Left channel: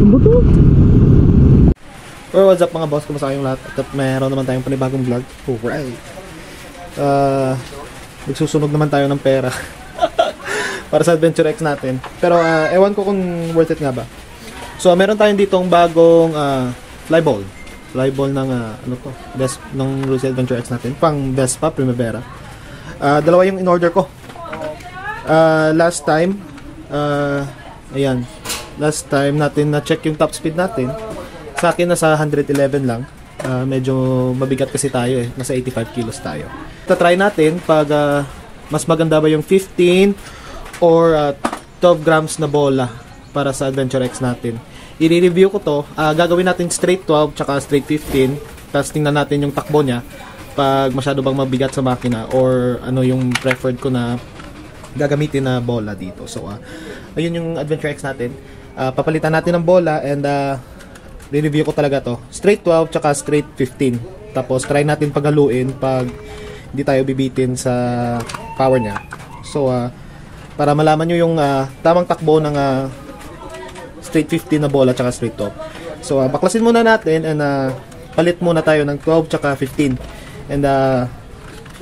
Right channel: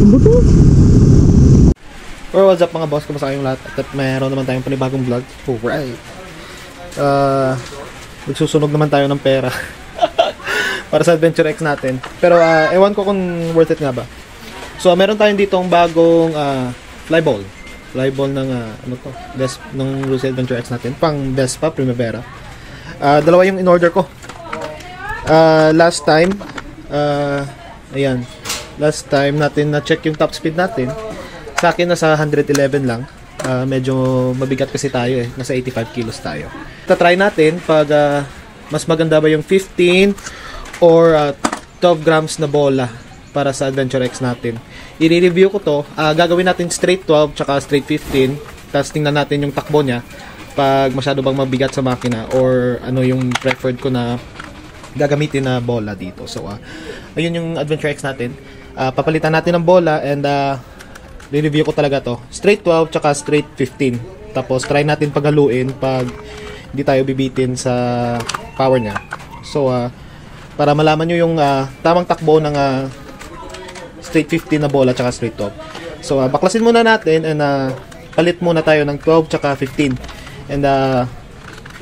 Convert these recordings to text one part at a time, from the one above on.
Ano to? Or what's up mga boss, kumusta kayong lahat? Meron naman tayong panibagong vlog. Alright. Magsusunog naman tayo ng pera para sa Adventure X natin. Pero ewan ko kung worth it nga ba. So meron tayong ditong bagong flyball. Flyball ng ano to? Ng Rosy Adventure X natin, pang Vespa Primavera. Dalawa yung in-order ko. Last time ayan. Last time natin na-check yung top speed natin. Sa akin nasa 111 lang. Medyo mabigat kasi tayo eh. Nasa 85 kilos tayo. Try natin pag mas maganda ba yung 15 or 12 grams na bola para sa Adventure X natin. I-review ko to. Gagawin natin straight 12 tsaka straight 15. Tapos tingnan natin yung takbo niya pag masyado bang mabigat sa makina or ano yung preferred ko na gagamitin na bola dito. So ayun yung Adventure X natin. Papalitan natin ng bola and i-review ko talaga to. Straight 12 tsaka straight 15. Tapos try natin paghaluin pag hindi tayo bibitin sa power niya. So para malaman nyo yung tamang takbo ng straight 15 na bola tsaka straight 12. So baklasin muna natin and palit muna tayo ng 12 tsaka 15. And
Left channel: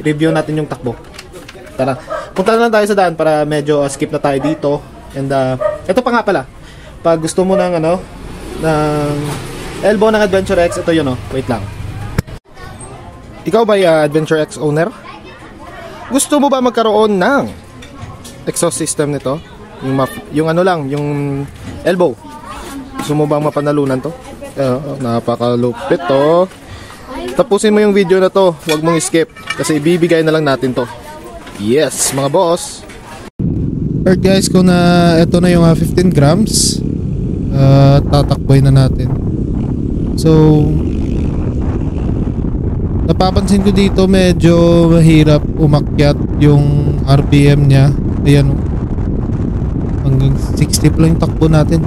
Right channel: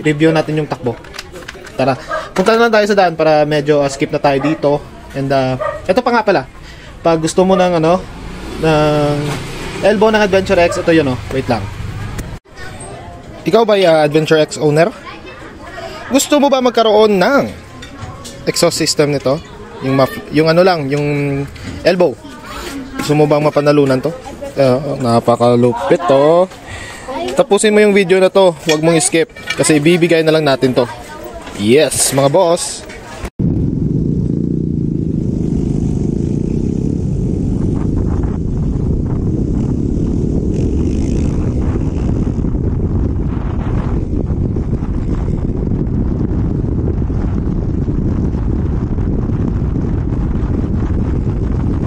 review natin yung takbo. Tara, punta na lang tayo sa daan para medyo skip na tayo dito. And ito pa nga pala. Pag gusto mo ng ng elbow ng Adventure X, ito yun wait lang. Ikaw ba Adventure X owner? Gusto mo ba magkaroon ng exhaust system nito? Yung ano lang, yung elbow. Gusto mo bang mapanalunan to? Napakalupit to. Tapusin mo yung video na to, huwag mong skip kasi ibibigay na lang natin to. Yes, mga boss. Alright guys, kung ito na yung 15 grams, tatakboy na natin. So napapansin ko dito medyo mahirap umakyat yung RPM niya. Ayan hanggang 60 pa lang yung takbo natin.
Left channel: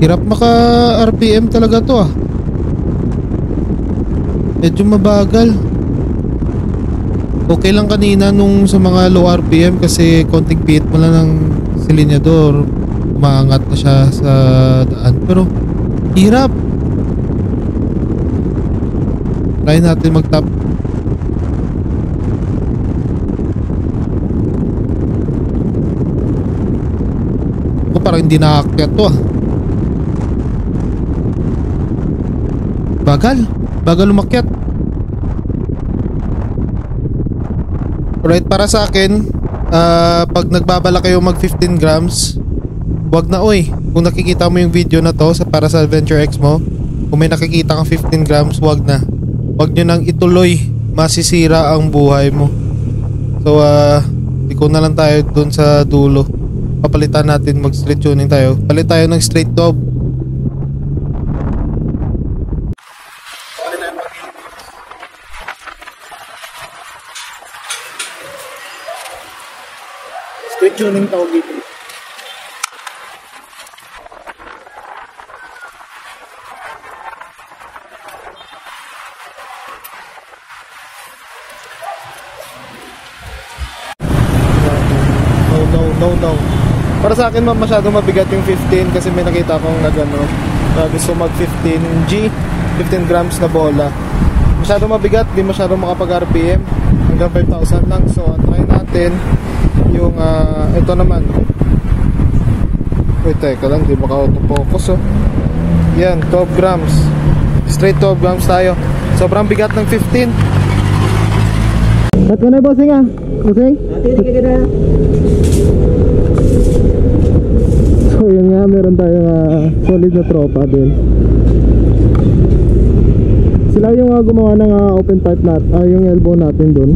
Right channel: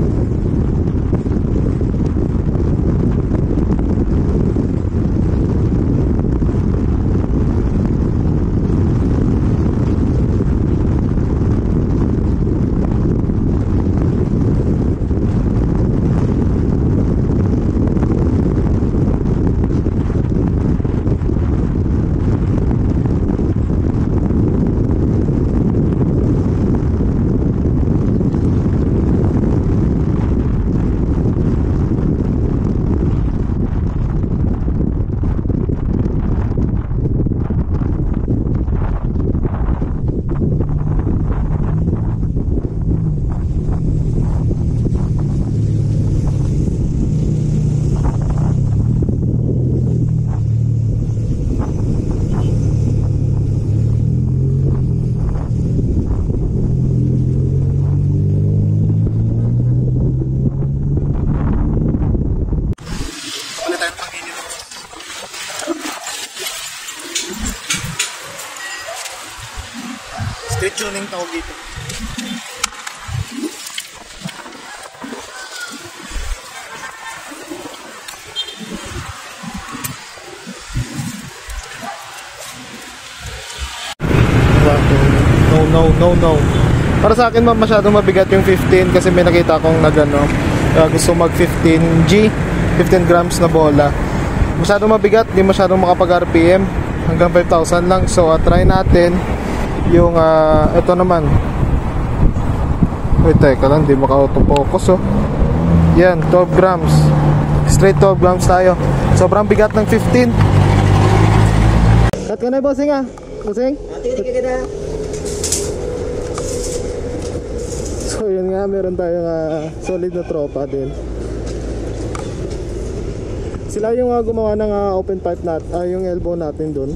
Hirap maka RPM talaga to medyo mabagal. Okay lang kanina nung sa mga low RPM kasi konting pihit mo lang ng silinyador, umaangat na siya sa daan. Pero hirap. Try natin mag-top. Parang hindi nakaakyat to Bagal umakyat. Alright, para sa akin pag nagbabala kayo mag 15 grams, wag na kung nakikita mo yung video na to para sa Adventure X mo, kung may nakikita kang 15 grams, wag nyo nang ituloy, masisira ang buhay mo. So ikaw na lang tayo dun sa dulo. Papalitan natin, mag straight tuning tayo. Palit tayo ng straight 12. Straight tuning tawag dito. No. Para sa akin masyadong mabigat yung 15 kasi may nakita akong gusto mag 15G, 15 grams na bola. Masyadong mabigat, di masyadong makapag RPM, hanggang 5,000 lang. So try natin yung ito naman. Wait, teka lang, di maka-autofocus yan, 12 grams. Straight 12 grams tayo. Sobrang bigat ng 15. Ba't ka na bossing Bossing? So yun nga, meron tayong solid na tropa din. Sila yung gumawa ng open pipe natin, yung elbow natin dun.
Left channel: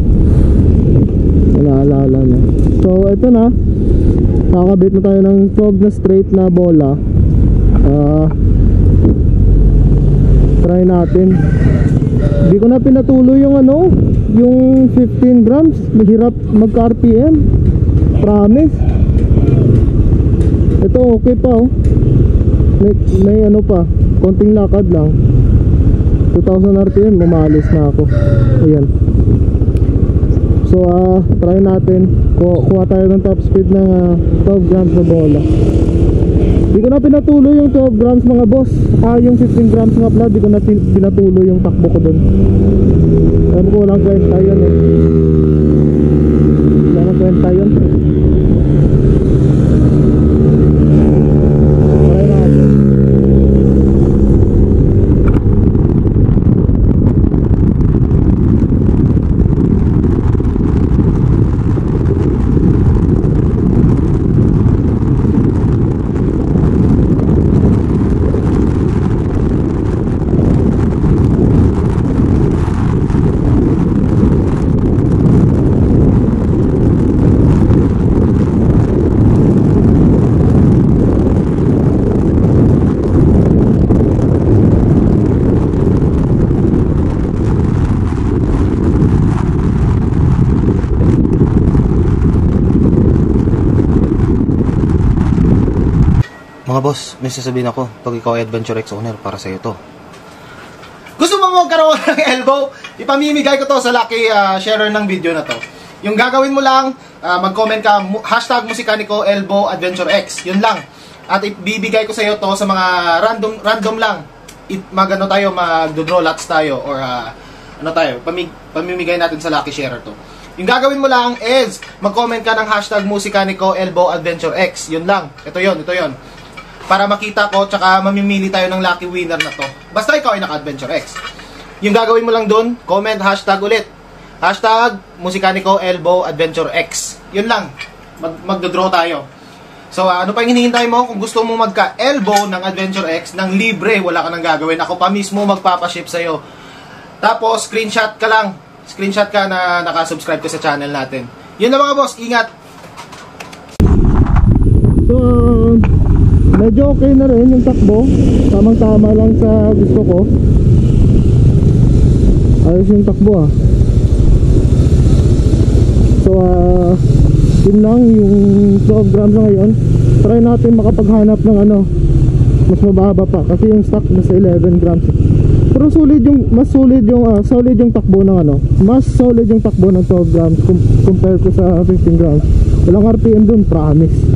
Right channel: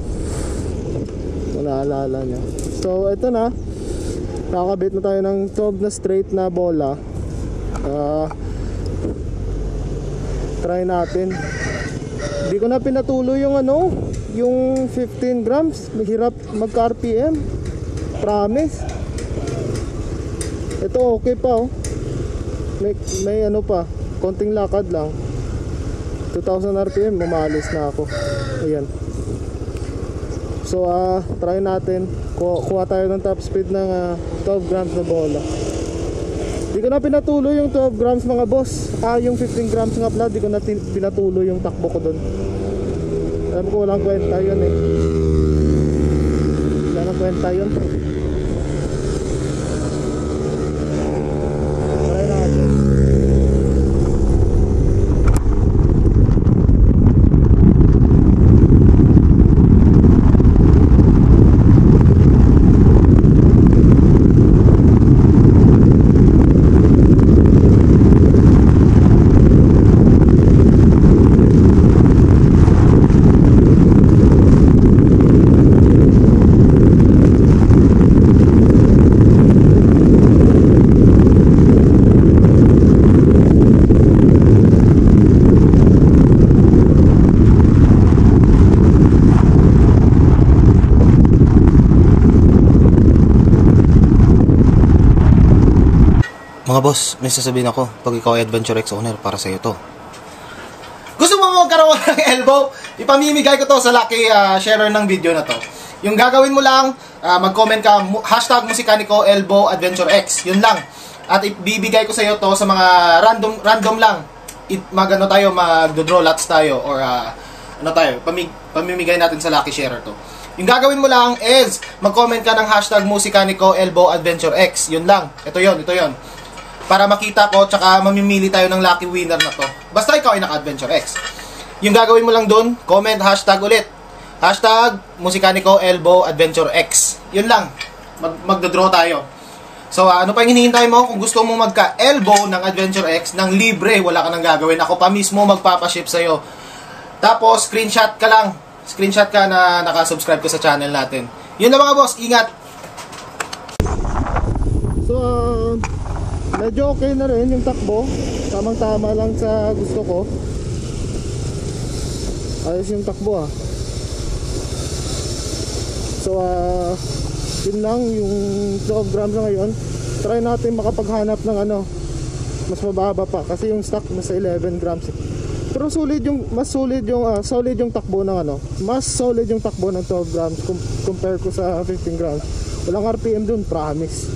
Naalala nyo. So ito na, nakakabit na tayo ng 12 na straight na bola. Try natin. Hindi ko na pinatuloy yung yung 15 grams. Mahirap magka RPM, promise. Ito okay pa may pa, konting lakad lang. 2,000 RPM, umalis na ako. Ayan. So try natin. Kuha tayo ng top speed ng 12 grams na bola. Di ko na pinatuloy yung 12 grams mga boss. Yung 15 grams nga pala, di ko na pinatuloy yung takbo ko dun. Alam ko walang kwenta yun eh. Walang kwenta yun eh. Try natin. Boss, may sasabihin ako. Ito, ikaw ay Adventure X owner, para sa ito. Gusto mo magkaroon ng elbow? Ipamimigay ko to sa lucky sharer ng video na to. Yung gagawin mo lang, mag-comment ka, hashtag Musikaniko Elbow Adventure X. Yun lang. At ibibigay ko sa iyo to sa mga random lang. Mag-ano tayo, mag-draw lots tayo. Or ano tayo, pamimigay natin sa lucky sharer to. Yung gagawin mo lang is, mag-comment ka ng hashtag Musikaniko Elbow Adventure X. Yun lang. Ito yun, ito yun. Para makita ko, tsaka mamimili tayo ng lucky winner na to. Basta ikaw ay naka-Adventure X. Yung gagawin mo lang doon, comment hashtag ulit. Hashtag Musikaniko Elbow Adventure X. Yun lang. Magdodraw tayo. So, ano pa yung hinihintay mo? Kung gusto mo magka-elbow ng Adventure X, ng libre, wala ka nang gagawin. Ako pa mismo magpapaship sa'yo. Tapos, screenshot ka lang. Screenshot ka na nakasubscribe ka sa channel natin. Yun na mga boss, ingat! So, medyo okay na rin yung takbo. Tamang-tama lang sa gusto ko. Ayos yung takbo So yun lang yung 12 grams na ngayon. Try natin makapaghanap ng mas mababa pa. Kasi yung stock nasa 11 grams Pero solid yung, mas solid yung solid yung takbo ng mas solid yung takbo ng 12 grams compare ko sa 15 grams. Walang RPM dun, promise.